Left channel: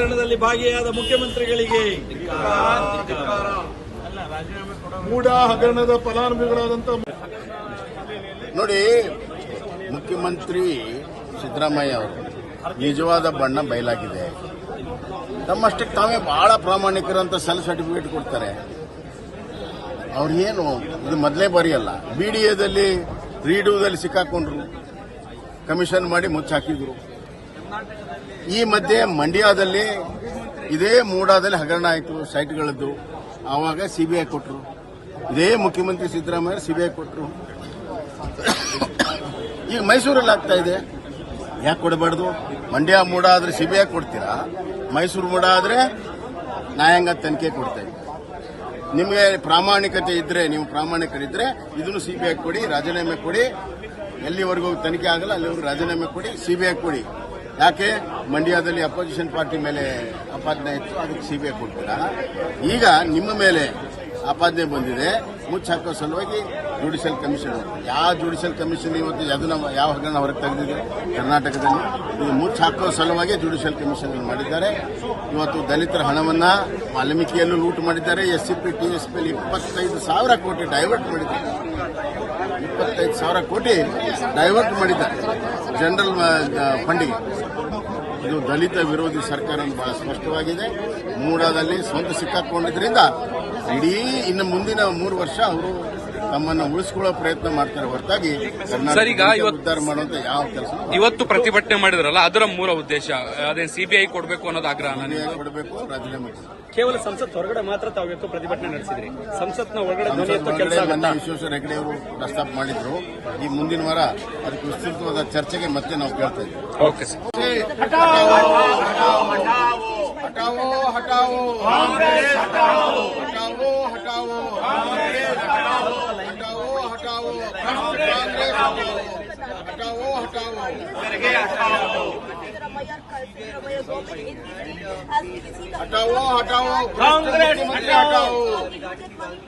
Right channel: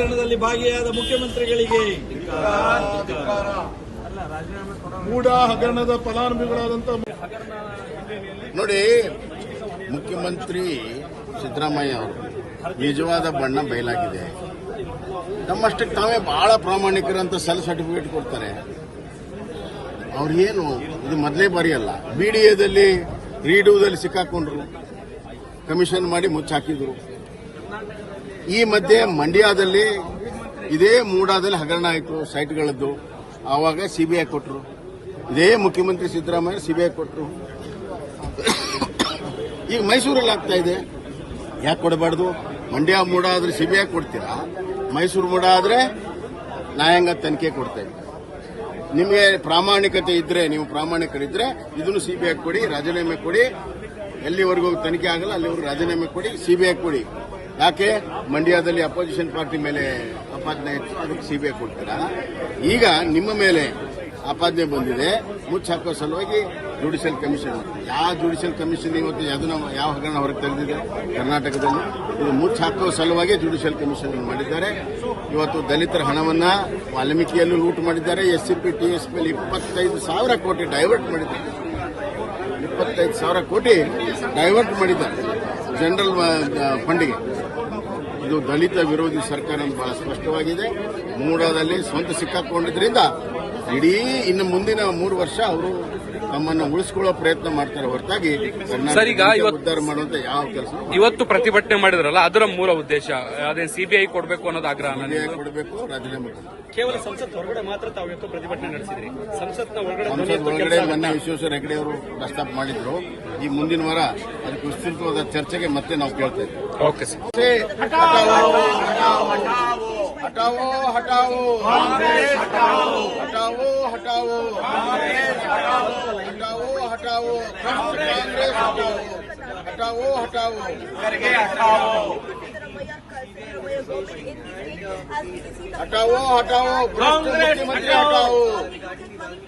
ಹಗರಣದಲ್ಲಿ ಭಾಗಿಯಾದ ಮುಖ್ಯಮಂತ್ರಿಗಳಿಗೆ ಮೂಡ ಹಗರಣದ ಫಲಾನುಭವಿಗಳಾದಂತ ನೋಡಿ, ಮುಖ್ಯಮಂತ್ರಿ ಸಿದ್ದರಾಮಯ್ಯ ಅವರು ನಿಜವಾದ ಬಣ್ಣ ಬಯಲಾಗಿದೆ. ತಮ್ಮಷ್ಟಕ್ಕೆ ತಾವೇ ಬಹಳ ಪ್ರಾಮಾಣಿಕರಂತ ಸೆಲ್ ಸರ್ಟಿಫಿಕೇಟ್ ಕೊಡ್ತಾರೆ. ಅವ್ರು ಏನು, ಇದು ಮೊದಲೇ ಬಾರಿ ಅಲ್ಲ. ಬಿಡಿಎದಲ್ಲಿ ರೀಡೂದಲ್ಲಿ ಸಿಕ್ಕಾಕೊಂಡ್ರು. ಕಮಿಷನ್ ಮಾಡಿ ಮುಚ್ಚಾಕಿದ್ರು. ಈ ಮಧ್ಯೆ ಮಂಡ್ಯದಲ್ಲಿ ಇದೇ ಮೂಡಾದಲ್ಲಿ ಹಗರಣ ಆಯಿತು, ಸೈಟ್ಗಳದ್ದು. ಆವಾಗ ಸಿಬಿಐ ಕೊಟ್ಟರು ಇದೇ ಮುಖ್ಯಮಂತ್ರಿ ಸಿದ್ದರಾಮಯ್ಯ ಸಿಬಿಐ ಕೊಟ್ಟರು ಈಗ ಮೈಸೂರಲ್ಲಿ ಆಗ್ತಾ ಇದೆ. ಯಾಕೆ ಕೊಡಬಾರ್ದು? ಮಂಡ್ಯ ಮೂಡ ಆದ್ರೆ ಸಿಬಿಐ ಕೊಡ್ತೀರಾ? ಮೈಸೂರು ಮೂಡ ಆದರೆ ನ್ಯಾಯಾಂಗ ತನಿಖೆ ಕೊಡ್ತೇವೆ. ನಿಮಗೆ ಪ್ರಾಮಾಣಿಕತೆ ಇದ್ರೆ, ನೀವು ಪ್ರಾಮಾಣಿಕರಿದ್ರೆ ಇದನ್ನು ಸಿಬಿಐ ಕೊಡಿ, ರಾಜೀನಾಮೆ ಕೊಡಿ. ಎಲ್ಲಿವರೆಗೂ ತನಿಖೆ ಆಗಲ್ಲ, ಅಲ್ಲಿವರೆಗೂ ರಾಜೀನಾಮೆ ಕೊಡಿ, ಸಿಬಿಐ ಕೊಡಿ. ಯಾಕೆ? ಮಂಡ್ಯದಲ್ಲಿ ಅಪೋಸಿಷನ್ ಪಾರ್ಟಿ ಮೇಲೆ ಆಪಾದನೆ ಇತ್ತು. ಅದಕ್ಕೆ ಸಿಬಿಐ ಕೊಡ್ತೀರಾ? ಈಗ ನಿಮ್ಮ ಮೇಲೆ ಆಪಾದನೆ ಬಂದಿದೆ. ಮುಚ್ಚಾಕೋ ಸಲುವಾಗಿ ಜುಡಿಷಿಯಲ್ ಕಮಿಷನ್ ಯಾವ ಜುಡಿಷಿಯಲ್ ಕಮಿಷನ್ ಇವತ್ತು ಅದನ್ನ ಯಾವ ಹಗರಣ ಹೊರಗೆ ತೆಗೆದಿದೆ? ಕರ್ನಾಟಕದಲ್ಲಿ. ಇದು ಮುಚ್ಚಾಕೋ ಸಲುವಾಗಿ ಜುಡಿಷಿಯಲ್ ಕಮಿಷನ್ ಮಾಡಿದ್ದಾರೆ. ಇವತ್ತು ದಲಿತರ ಹಣವನ್ನ ವಾಲ್ಮೀಕಿಯಲ್ಲೂ ಲೂಟ್ ಮಾಡಿದ್ದಾರೆ. S C P T S P ಇಪ್ಪತ್ತೈದು ಸಾವಿರ ಕೋಟಿ ಡೈವರ್ಟ್ ಮಾಡಿದ್ದಾರೆ. ಇಪ್ಪತ್ತೈದು ಸಾವಿರ ಕೋಟಿ ಡೈವರ್ಟ್ ಮಾಡಿದ್ದಾರೆ. ಜನರಲ್ ಫಂಡಿಗೆ ಇದು ದಲಿತ ವಿರೋಧಿ ಸರ್ಕಾರ ಅಂತ ಬಹಳ ಸ್ಪಷ್ಟವಾಗಿದೆ. ಮೂಡಾದಲ್ಲಿ ಸ್ವಂತ ಸಿಕ್ಕಾಕೊಂಡಿದ್ರಿಂದ ಇಡೀ ಇನ್ನು ಮುಂದಿನ ಮೂರು ವರ್ಷ ಅವರು ತಮ್ಮನ್ನು ಉಳಿಸ್ಕೊಳ್ಳೋ ಪ್ರಯತ್ನ ಮಾಡ್ತಾರೆ ಹೊರತಾಗಿ ಸರ್, ಈಗ ಇವತ್ತು- ಉದ್ಧಾರ ಮಾಡುವಂತ ಯಾವ ಕೆಲಸ ಇವತ್ತು ಪ್ರತಿಭಟನೆ ಮಾಡಿದ್ರಲ್ಲ ಅದರ ಮೂಲ ಉದ್ದೇಶ ಅದೇ ಸಿಬಿಐ ಕೊಡಬೇಕು ಅನ್ನೋದು ಆಗ್ರಹ ಕೊಡಬೇಕು ರಾಜೀನಾಮೆ ಕೊಡಬೇಕು ಕೇವಲ ಸಂಸತ್ ಹೊರಗಡೆ ಮಾತ್ರ ತಾವು ಇವತ್ತು ಪ್ರತಿಭಟನೆ ನಡೆಸಿದ್ರಿ ಸಂಸತ್ನ ಒಳಗಡೆ ಸಂಸತ್ ಒಳಗಡೆ ಮೊನ್ನೆ ವಿಶ್ವೇಶ್ವರ ಹೆಗಡೆ ಅವರು ಪ್ರಸ್ತಾಪ ಮಾಡಿದ್ರು ಈ ಮುಂದಿನ ವಾರ ಅದಕ್ಕೆ ವಿಸ್ತೃತವಾದ ಚರ್ಚೆಗೆ ಮತ್ತೆ ನಾವು ಕೇಳ್ತೇವೆ ಓಕೆ ಸರ್ हटाओ हटाओ हटाओ हटाओ हटाओ હટાવો કોંગ્રેસ હટાવો હટાવો હટાવો. હટાવો કોંગ્રેસ હટાવો.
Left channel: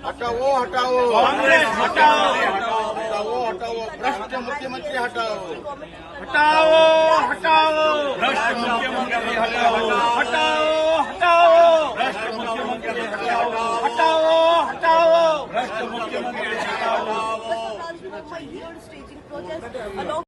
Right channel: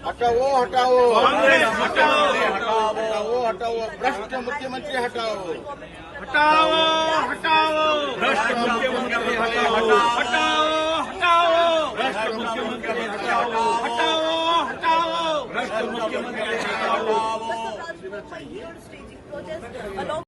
હટાવો હટાવો. કોંગ્રેસ હટાવો. હટાવો હટાવો ભ્રષ્ટ મુખ્યમંત્રી હટાવો. હટાવો હટાવો. ભ્રષ્ટ મુખ્યમંત્રી હટાવો. હટાવો. मुख्यमंत्री